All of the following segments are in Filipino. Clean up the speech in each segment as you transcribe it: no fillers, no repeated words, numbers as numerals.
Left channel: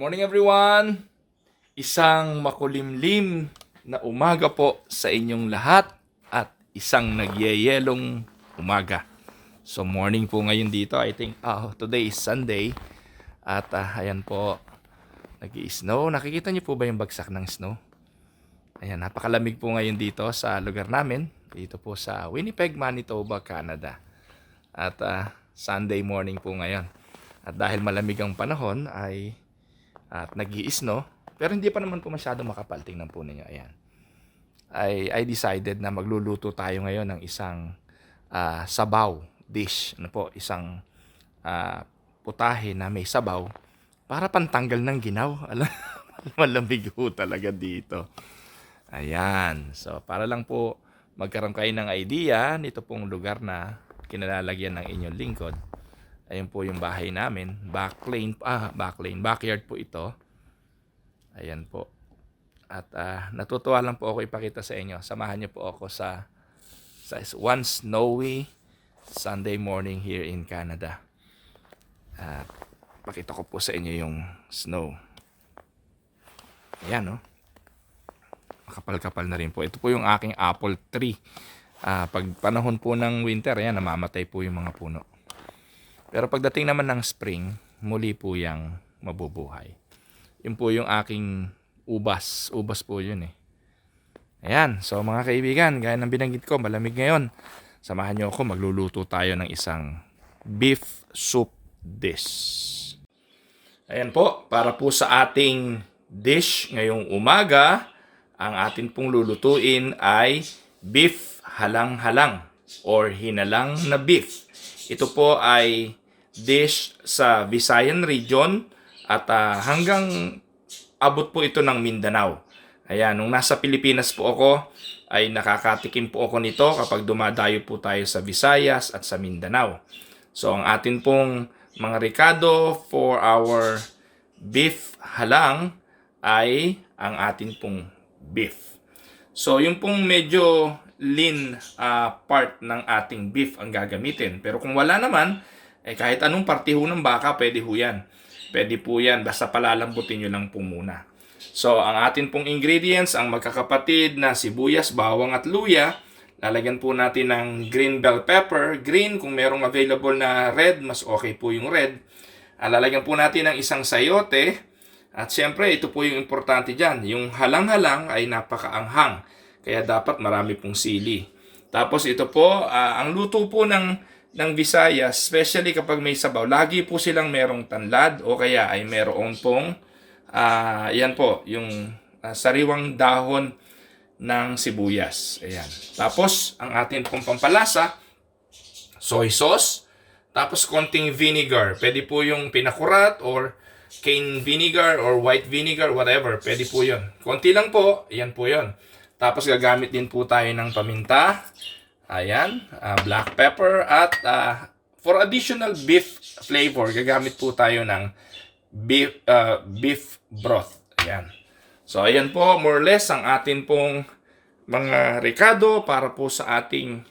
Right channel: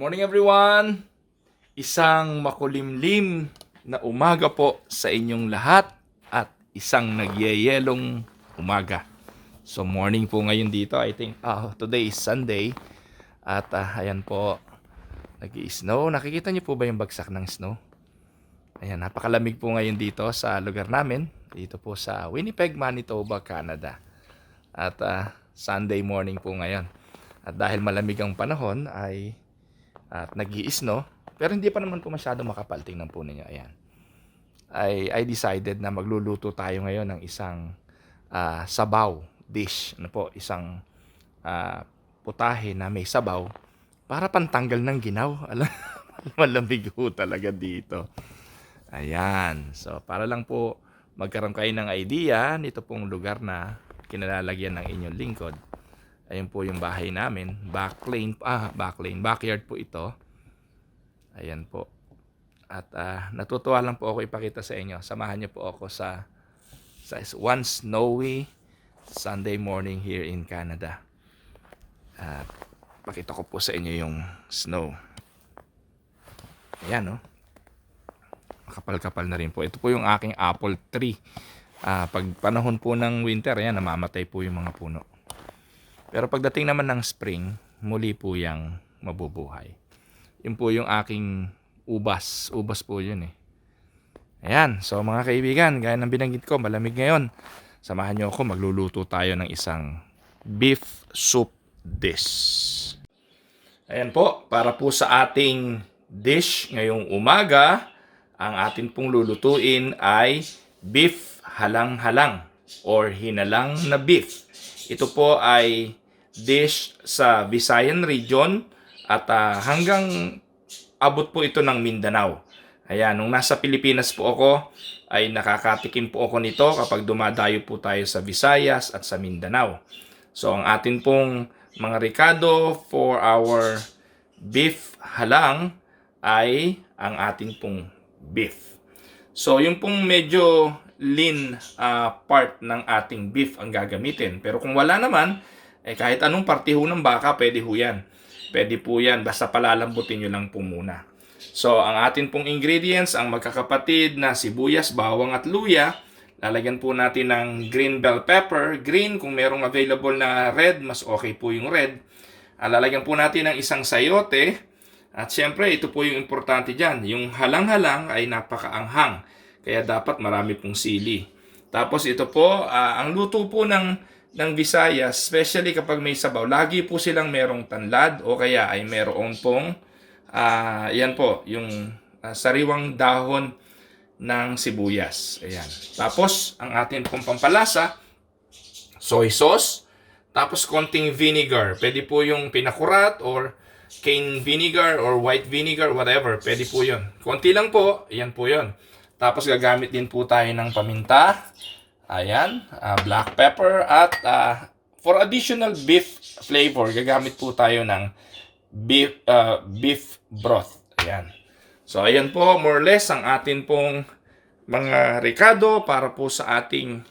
Morning everyone! Isang makulimlim na umaga po sa inyong lahat at isang nagyayelong umaga. So morning po ngayon dito, I think today is Sunday at ayan po, nag-i-snow. Nakikita niyo po ba yung bagsak ng snow? Ayan, napakalamig po ngayon dito sa lugar namin, dito po sa Winnipeg, Manitoba, Canada. At Sunday morning po ngayon. At dahil malamig ang panahon at nag-i-snow, pero hindi pa naman po masyado makapal. Tingnan po ninyo, ayan. I decided na magluluto tayo ngayon ng isang sabaw dish. Ano po, isang putahe na may sabaw para pantanggal ng ginaw. Alam, malamig po talaga dito. Ayan. So, para lang po magkaroon kayo ng idea nito pong lugar na kinalalagyan ng inyong lingkod. Ayun po yung bahay namin. Backyard po ito. Ayan po. At natutuwa lang po ako ipakita sa inyo. Samahan niyo po ako sa one snowy Sunday morning here in Canada. At pakita ko po sa inyo yung snow. Ayan, no? Makapal-kapal na rin po. Ito po yung aking apple tree. Pag panahon po ng winter, ayan, namamatay po yung mga puno. Pero pagdating naman ng spring, muli po yung mabubuhay. Yun po yung aking ubas. Ubas po yun eh. Ayan, so mga kaibigan, gaya ng binanggit ko, malamig ngayon. Samahan nyo ako, magluluto tayo ng isang beef soup dish. Ayan po, para po sa ating dish ngayong umaga, ang atin pong lulutuin ay beef halang-halang or hinalang na beef. Ito po ay dish sa Visayan region at hanggang abot po ito ng Mindanao. Ayan, nung nasa Pilipinas po ako ay nakakatikim po ako nito kapag dumadayo po tayo sa Visayas at sa Mindanao. So ang atin pong mga rekado for our beef halang ay ang atin pong beef. So yung pong medyo lean part ng ating beef ang gagamitin. Pero kung wala naman, kahit anong parte ho ng baka, pwede ho yan. Pwede po yan, basta palalambutin nyo lang po muna. So, ang atin pong ingredients, ang magkakapatid na sibuyas, bawang at luya. Lalagyan po natin ng green bell pepper. Green, kung merong available na red, mas okay po yung red. Lalagyan po natin ng isang sayote. At syempre, ito po yung importante dyan. Yung halang-halang ay napakaanghang. Kaya dapat marami pong sili. Tapos ito po, ang luto po ng Visayas, especially kapag may sabaw, lagi po silang merong tanlad o kaya ay meron pong, yan po, yung sariwang dahon ng sibuyas. Ayan. Tapos, ang atin pong pampalasa, soy sauce, tapos konting vinegar. Pwede po yung pinakurat or cane vinegar or white vinegar, whatever. Pwede po yun. Konti lang po, ayan po yun. Tapos gagamit din po tayo ng paminta. Ayan, black pepper at for additional beef flavor, gagamit po tayo ng beef broth. Ayan. So ayan po, more or less ang atin pong mga rekado para po sa ating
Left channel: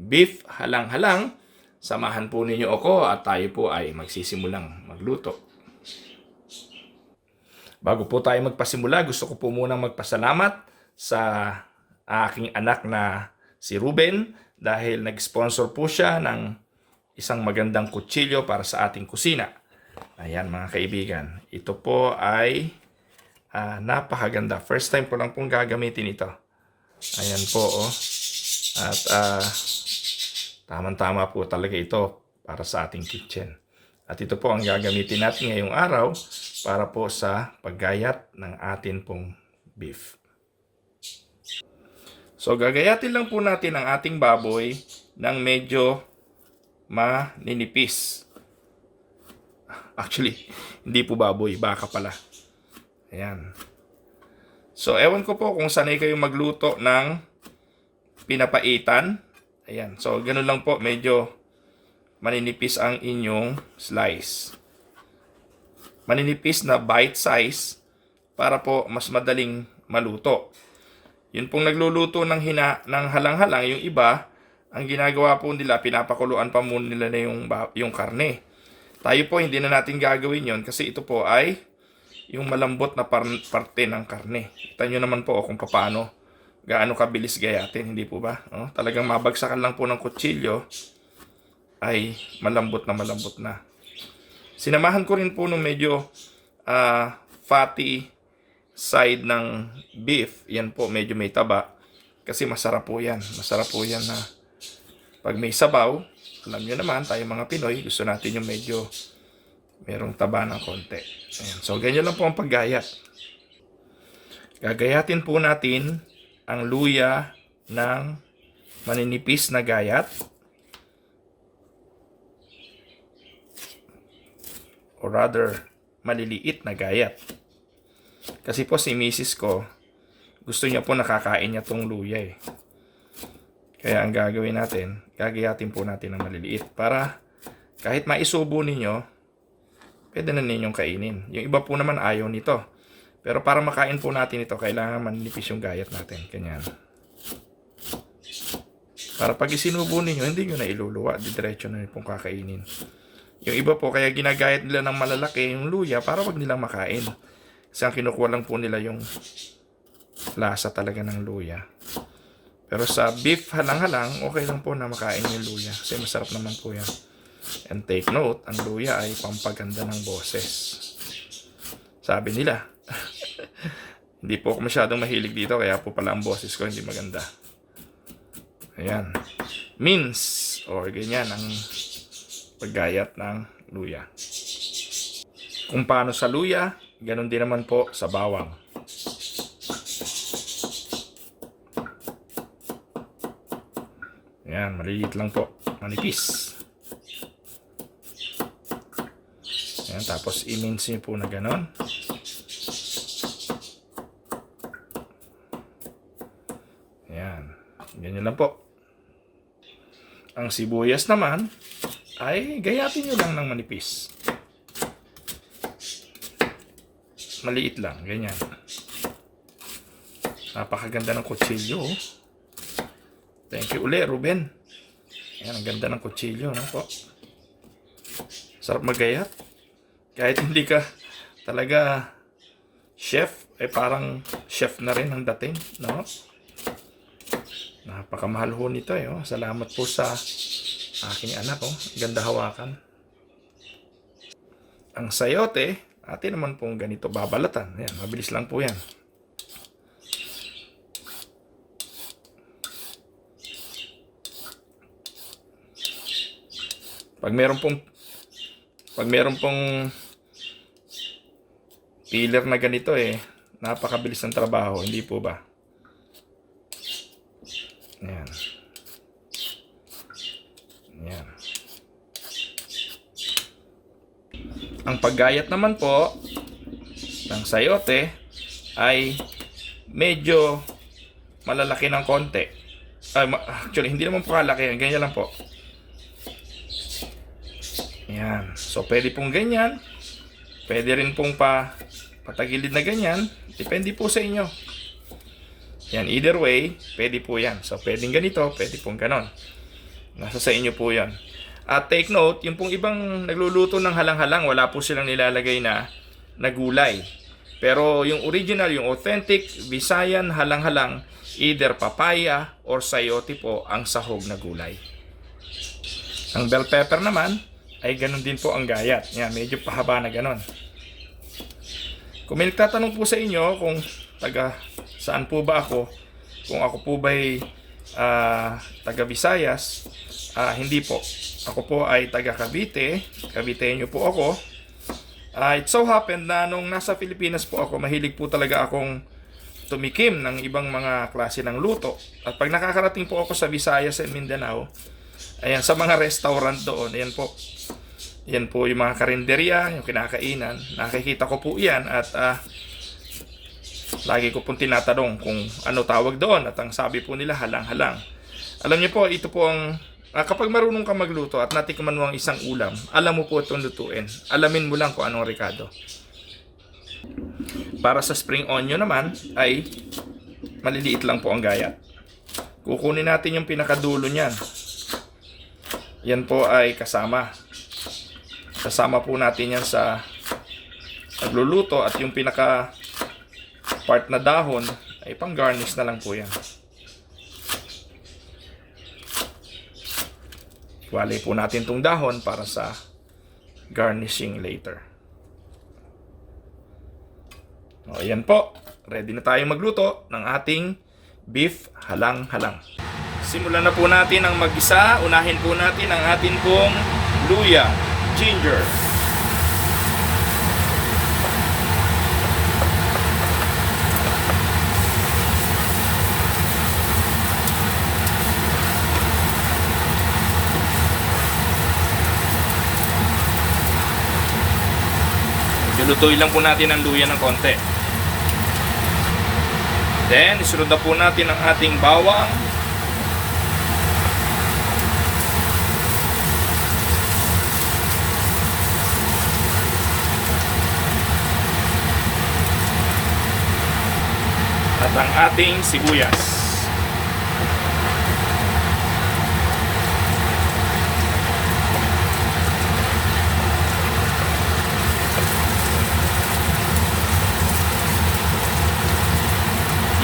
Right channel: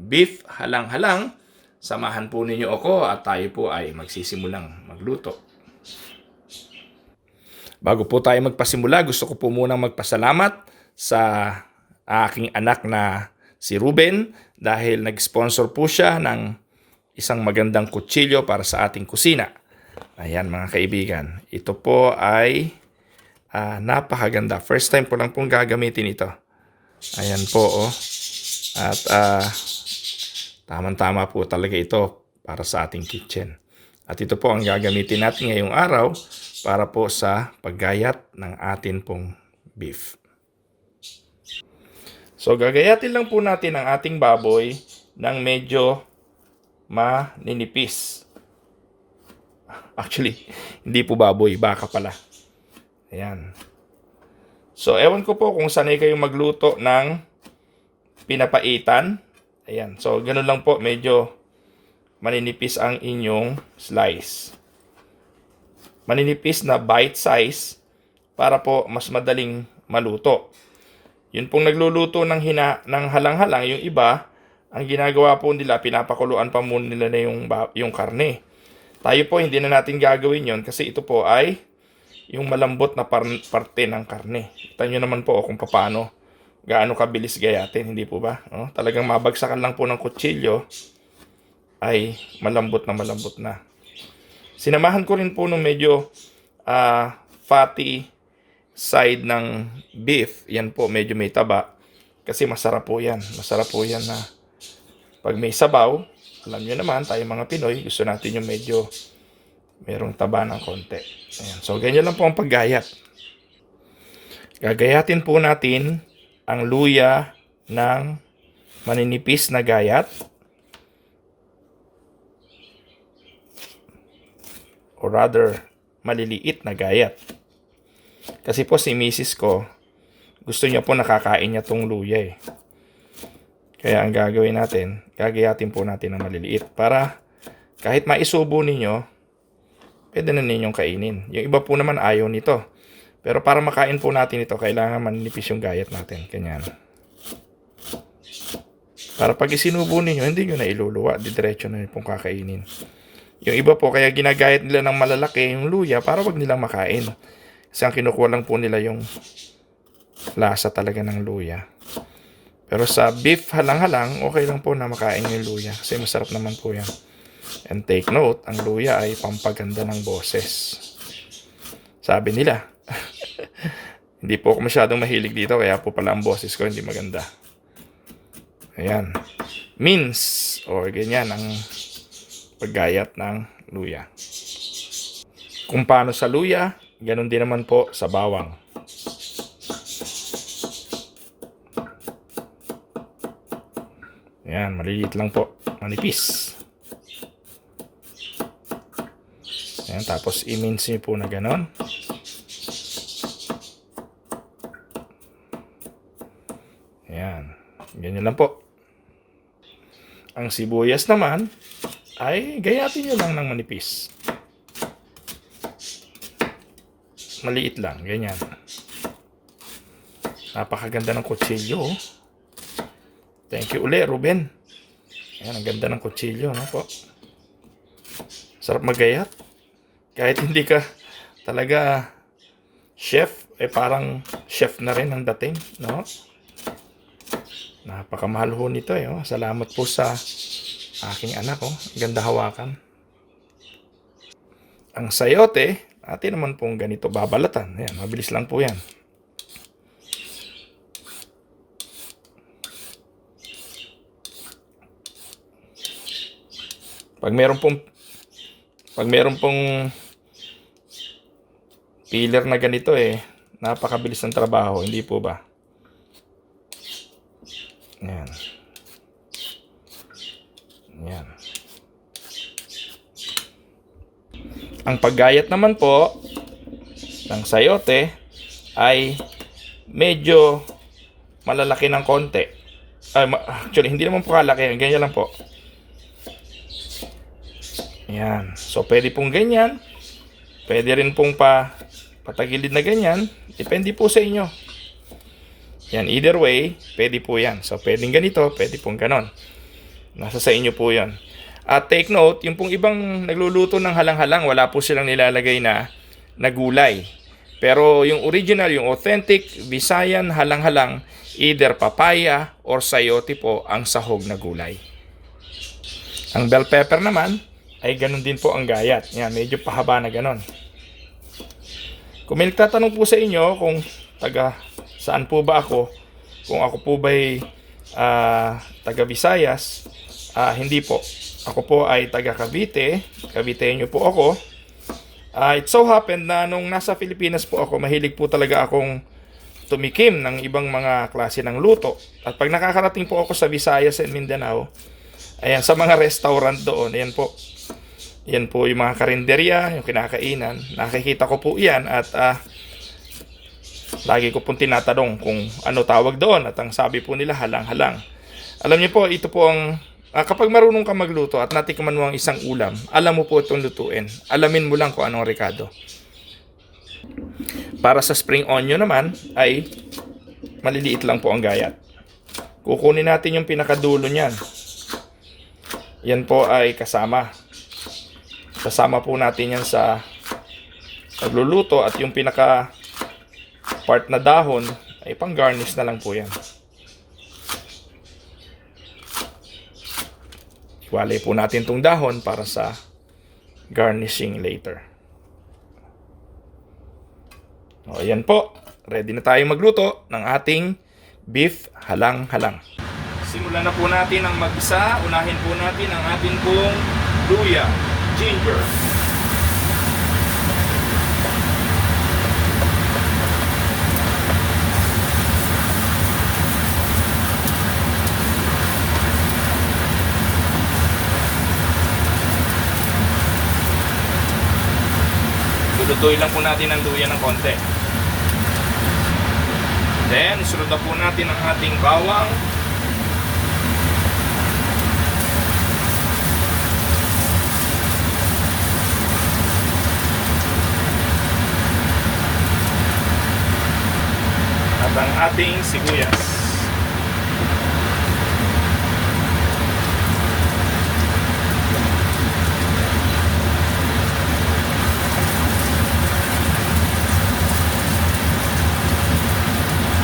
beef halang-halang. Samahan po ninyo ako at tayo po ay magsisimulang magluto. Bago po tayo magpasimula, gusto ko po munang magpasalamat sa aking anak na si Ruben dahil nag-sponsor po siya ng isang magandang kutsilyo para sa ating kusina. Ayan mga kaibigan, ito po ay napakaganda. First time po lang pong gagamitin ito. Ayan po oh. At tamang-tama po talaga ito para sa ating kitchen. At ito po ang gagamitin natin ngayong araw para po sa paggayat ng atin pong beef. So, gagayatin lang po natin ang ating baboy ng medyo maninipis. Actually, hindi po baboy, baka pala. Ayan. So, ewan ko po kung sanay kayo magluto ng pinapaitan. Ayan. So, ganun lang po, medyo maninipis ang inyong slice. Maninipis na bite size para po mas madaling maluto. Yun pong nagluluto ng halang-halang, yung iba, ang ginagawa po nila, pinapakuluan pa muna nila na yung karne. Tayo po, hindi na natin gagawin yon kasi ito po ay yung malambot na parte ng karne. Kita nyo naman po kung paano, gaano kabilis gayatin, hindi po ba? Oh, talagang mabagsakan lang po ng kutsilyo, ay malambot na malambot na. Sinamahan ko rin po nung medyo fatty side ng beef. Yan po, medyo may taba. Kasi masarap po yan. Masarap po yan na pag may sabaw, alam nyo naman, tayo mga Pinoy, gusto natin yung medyo merong taba ng konti. Ayan. So, ganyan lang po ang paggayat. Gagayatin po natin ang luya ng maninipis na gayat. Or rather, maliliit na gayat. Kasi po si misis ko, gusto niya po nakakain niya tong luya eh. Kaya ang gagawin natin, gagayatin po natin ng maliliit para kahit maisubo ninyo, pwede na ninyong kainin. Yung iba po naman ayaw nito. Pero para makain po natin ito, kailangan manipis yung gayat natin. Ganyan. Para pag isinubo ninyo, hindi nyo na iluluwa. Didiretso na pong kakainin. Yung iba po, kaya ginagayat nila ng malalaki yung luya para wag nilang makain. Kasi ang kinukuha lang po nila yung lasa talaga ng luya. Pero sa beef halang-halang, okay lang po na makain yung luya. Kasi masarap naman po yan. And take note, ang luya ay pampaganda ng boses. Sabi nila. Hindi po ako masyadong mahilig dito, kaya po pala ang boses ko hindi maganda. Ayan. Mince, or ganyan ang paggayat ng luya. Kung paano sa luya, ganun din naman po sa bawang. Ayan, maliliit lang po. Manipis. Ayan, tapos i-mince nyo po na ganon. Ayan, ganyan lang po. Ang sibuyas naman, ay gayatin nyo lang ng manipis. Maliit lang, ganyan. Napakaganda ng kutsilyo. Thank you uli, Ruben. Ayan, ang ganda ng kutsilyo, no po. Sarap magayat. Kahit hindi ka talaga chef, parang chef na rin ang dating, no? Napakamahal ho nito, eh. Oh. Salamat po sa aking anak, oh. Ganda hawakan. Ang sayote, atin naman pong ganito babalatan. Ayan, mabilis lang po yan. Pag meron pong peeler na ganito napakabilis ng trabaho, hindi po ba? Ayan. Ayan. Ang paggayat naman po ng sayote ay medyo malalaki ng konti. Actually, hindi naman po kalaki. Ganyan lang po. Ayan. So, pwede pong ganyan. Pwede rin pong patagilid na ganyan. Depende po sa inyo. Yan, either way, pwede po yan. So, pwedeng ganito, pwede pong ganon. Nasa sa inyo po yan. At take note, yung pong ibang nagluluto ng halang-halang, wala po silang nilalagay na gulay. Pero yung original, yung authentic, Visayan halang-halang, either papaya or sayote po ang sahog na gulay. Ang bell pepper naman, ay ganun din po ang gayat. Yan, medyo pahaba na ganon. Kung may nagtatanong po sa inyo kung taga saan po ba ako, kung ako po ba'y taga Visayas, hindi po. Ako po ay taga Cavite. Caviteño po ako. It so happened na nung nasa Pilipinas po ako, mahilig po talaga akong tumikim ng ibang mga klase ng luto. At pag nakakarating po ako sa Visayas and Mindanao, ayan, sa mga restaurant doon, ayan po. Yan po yung mga karinderya, yung kinakainan. Nakikita ko po yan at lagi ko pong tinatanong kung ano tawag doon. At ang sabi po nila, halang-halang. Alam niyo po, ito po ang kapag marunong ka magluto at natikman mo ang isang ulam, alam mo po itong lutuin. Alamin mo lang kung anong rekado. Para sa spring onion naman, ay maliliit lang po ang gayat. Kukunin natin yung pinakadulo niyan. Yan po ay kasama. Kasama po natin yan sa nagluluto at yung pinaka part na dahon ay pang garnish na lang po yan. Walay po natin tong dahon para sa garnishing later. O, ayan po. Ready na tayo magluto ng ating beef halang-halang. Simulan na po natin ang mag-isa. Unahin po natin ang ating pong luya, ginger. Lutuin lang po natin ang luya ng konti. Then, isunod na po natin ang ating bawang. At ang ating sibuyas.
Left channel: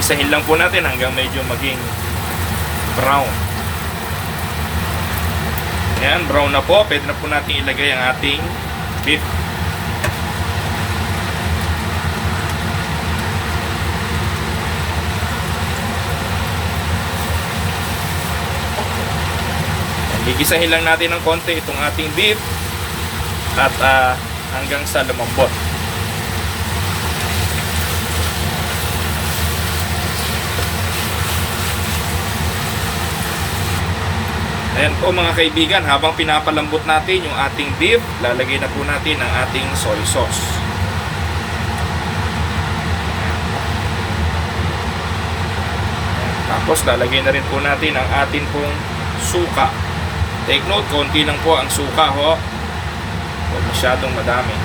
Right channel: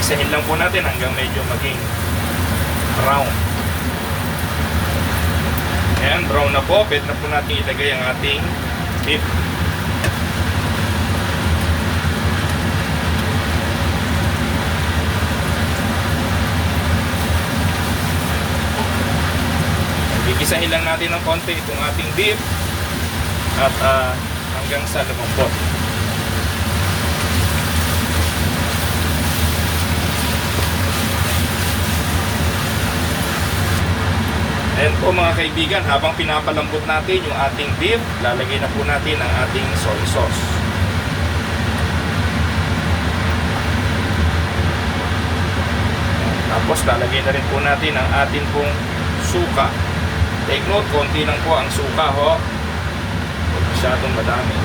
Isahin lang po natin hanggang medyo maging brown. Ayan, brown na po. Pwede na po natin ilagay ang ating beef. Gigisahin lang natin ng konti itong ating beef at hanggang sa lumambot. Ayan po mga kaibigan, habang pinapalambot natin yung ating beef, lalagay na po natin ang ating soy sauce. Tapos lalagay na rin po natin ang ating pong suka. Take note, konti lang po ang suka ho. Huwag masyadong madami.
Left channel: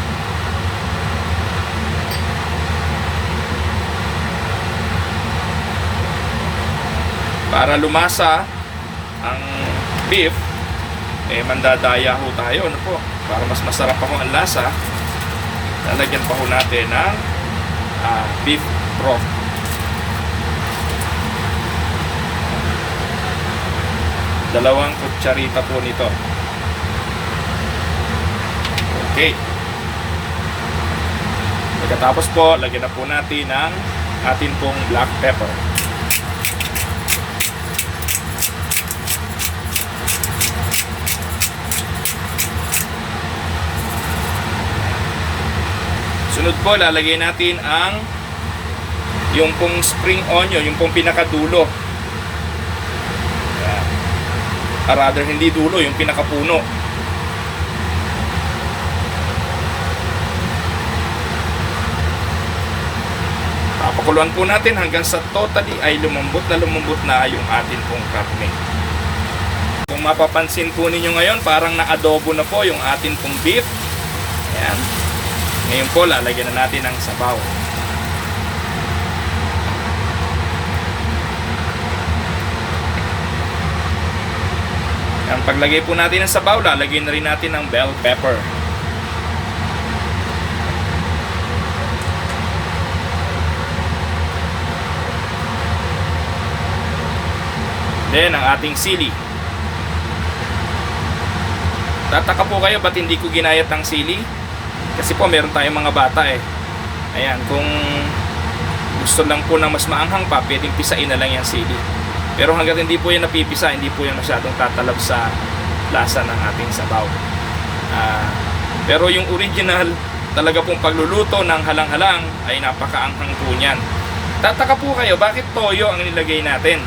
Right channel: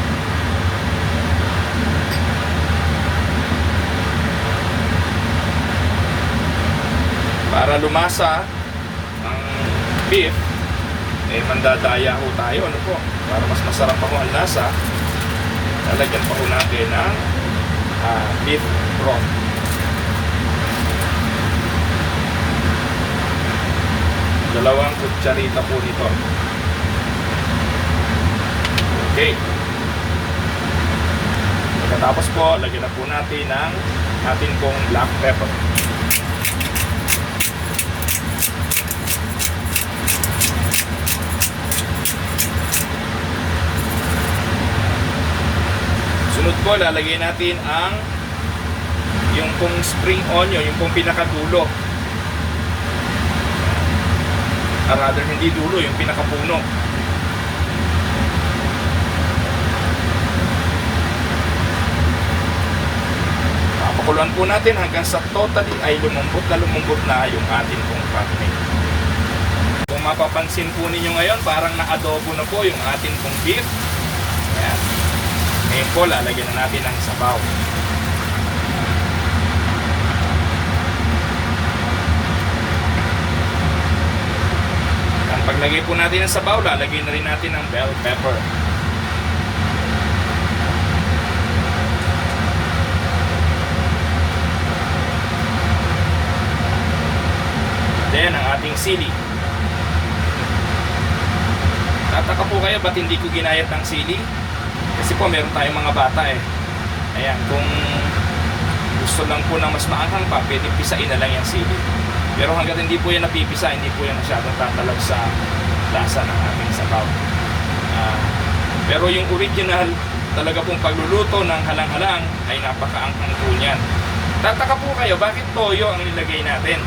Para lumasa ang beef, mandadaya ho tayo, ano po, para mas masarap pa ho ang lasa. Lalagyan pa ho natin ng beef broth. Dalawang kutsarita po nito. Okay. Tapos po, lagyan na po natin ng atin pong black pepper. Sunod po, lalagay natin ang yung pong spring onion, yung pong pinakadulo. Rather, hindi dulo, yung pinakapuno. Papakuluan po natin hanggang sa totally ay lumambot na yung ating pong karne. Kung mapapansin po ninyo ngayon, parang na-adobo na po yung ating pong beef. Ayan. Ngayon po, lalagyan na natin ang sabaw. Ang paglagay po natin ng sabaw, lalagyan na rin natin ng bell pepper. Then, ang ating sili. Tataka po kayo ba't hindi ko ginayat ng sili? Kasi po meron tayong mga bata eh. Ayan, kung gusto lang po ng mas maanghang pa, pwedeng pisain na lang yung sili. Pero hanggang hindi po yan napipisa, hindi po yan masyadong tatalab sa lasa ng ating sabaw. Pero yung original, talaga pong pagluluto ng halang-halang ay napakaanghang po niyan. Tataka po kayo, bakit toyo ang nilagay natin?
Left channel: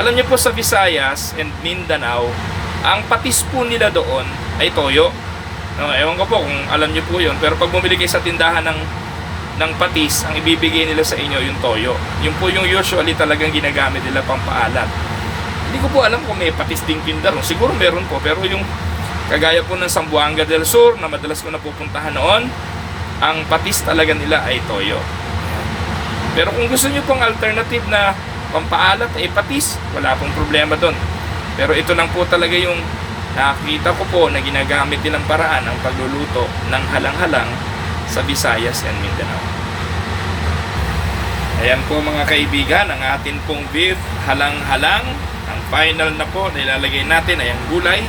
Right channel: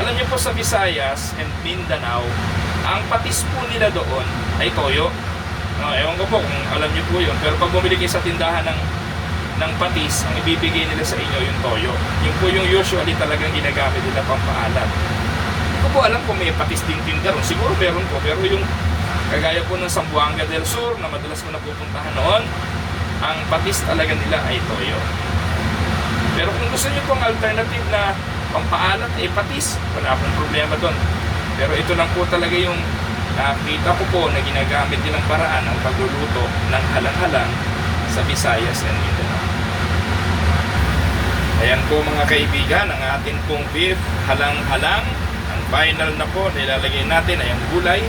Alam niyo po sa Visayas and Mindanao, ang patis po nila doon ay toyo. No, ewan ko po kung alam niyo po yun. Pero pag bumili kayo sa tindahan ng patis, ang ibibigay nila sa inyo yung toyo. Yung po yung usually talagang ginagamit nila pang paalat. Hindi ko po alam kung may patis ding tinda ron. Siguro meron po. Pero yung kagaya po ng Zamboanga del Sur na madalas ko napupuntahan noon, ang patis talaga nila ay toyo. Pero kung gusto niyo pong alternative na pampaalat ay patis, wala akong problema doon. Pero ito lang po talaga yung nakita ko po na ginagamit nilang paraan ng pagluluto ng halang-halang sa Visayas and Mindanao. Ayan po mga kaibigan, ang atin pong beef halang-halang. Ang final na po, nilalagay natin ay ang gulay.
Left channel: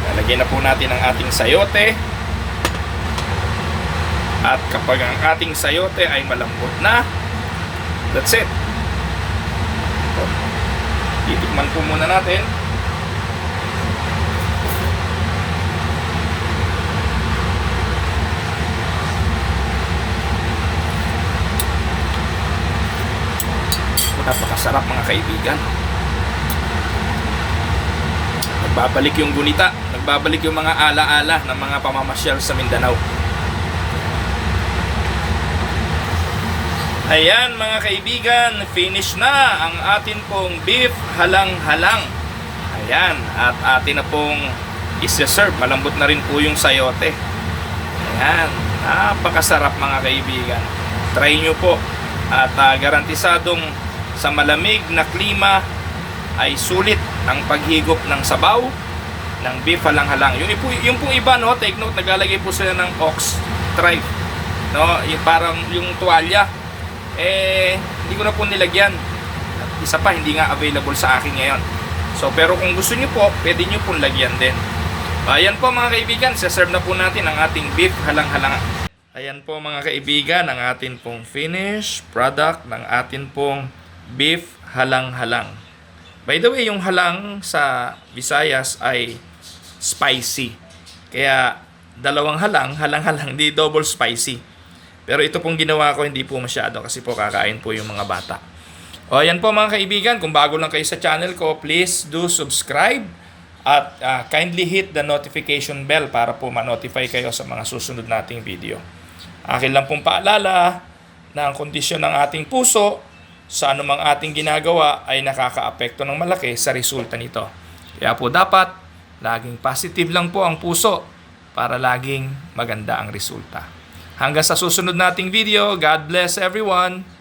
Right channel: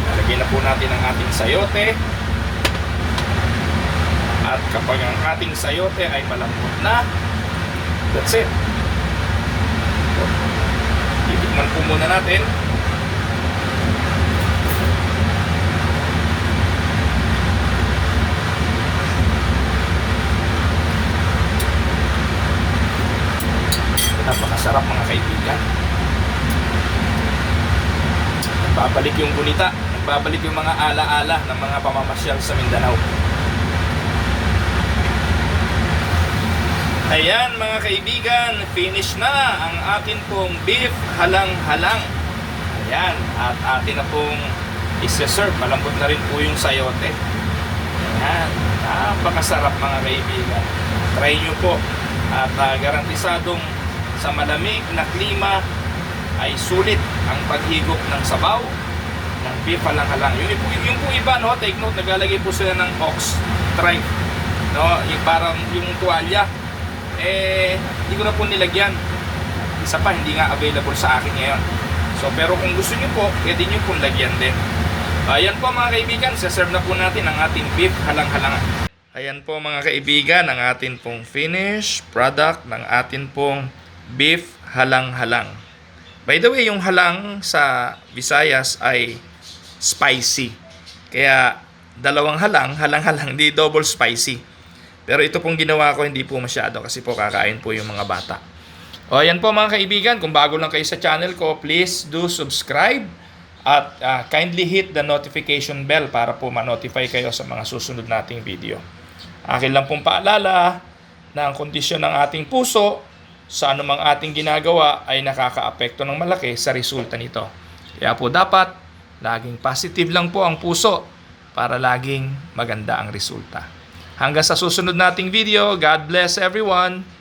Nilalagay na po natin ang ating sayote. At kapag ang ating sayote ay malambot na, that's it. Itikman po muna natin. Napakasarap mga kaibigan. Nagbabalik yung gunita, nagbabalik yung mga ala-ala ng mga pamamasyal sa Mindanao. Ayan mga kaibigan, finish na ang atin pong beef halang-halang. Ayan, at atin na pong isi-serve. Malambot na rin po yung sayote. Ayan, napakasarap mga kaibigan. Try nyo po. At garantisadong sa malamig na klima ay sulit ang paghigop ng sabaw ng beef halang-halang. Yung po iba, no, take note, naglalagay po sila ng ox stripe, no, yung parang yung tuwalya. Hindi ko na po nilagyan. Isa pa, hindi nga available sa akin ngayon. So, pero kung gusto nyo po, pwede nyo pong lagyan din. Ayan po mga kaibigan, serve na po natin ang ating beef halang-halang. Ayan po mga kaibigan, ang atin pong finished product ng atin pong beef halang-halang. By the way, yung halang sa Visayas ay spicy. Kaya dalawang halang-halang, di double spicy. Pero ito pong ginawa ko hindi po masyado kasi po kakain po yung mga bata. O ayan po mga kaibigan, kung bago lang kayo sa channel ko, please do subscribe at kindly hit the notification bell para po ma-notify kayo sa mga susunod nating video. Akin lang pong paalala na ang kondisyon ng ating puso sa anumang ating ginagawa ay nakakaapekto ng malaki sa resulta nito. Kaya po dapat laging positive lang po ang puso para laging maganda ang resulta. Hanggang sa susunod nating video, God bless everyone!